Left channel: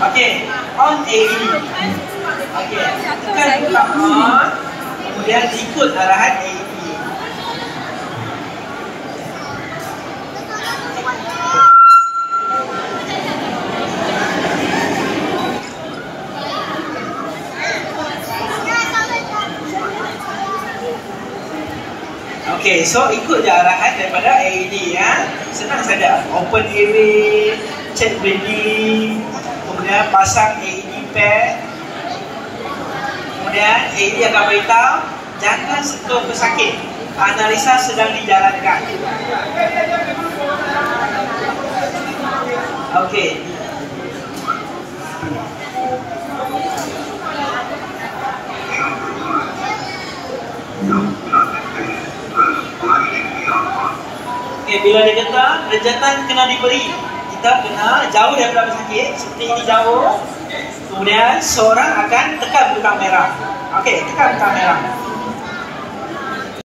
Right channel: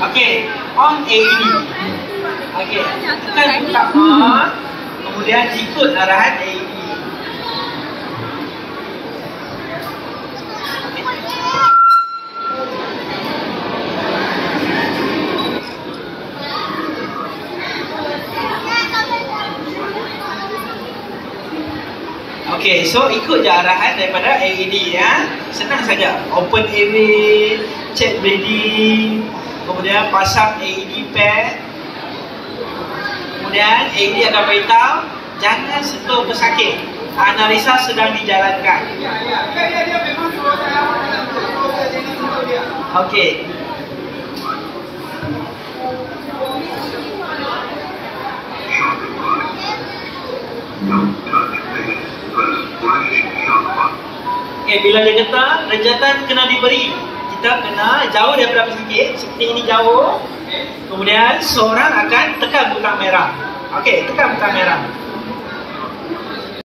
Okey, on AED. Okey, tekan butang on, kemudian ikut arahan AED. Okey, so ikut je arahan daripada AED ya. Senang saja. Open airway, check breathing, kemudian pasang AED pad. Kemudian AED akan beritahu jangan sentuh pesakit. Analisa sedang dijalankan. Okey. Okay, bila dia kata rejatan kena diberi, kita kena jauh daripada pesakit. Seperti ini jauh. Kemudian seorang akan tekan butang merah. Okey, tekan butang merah.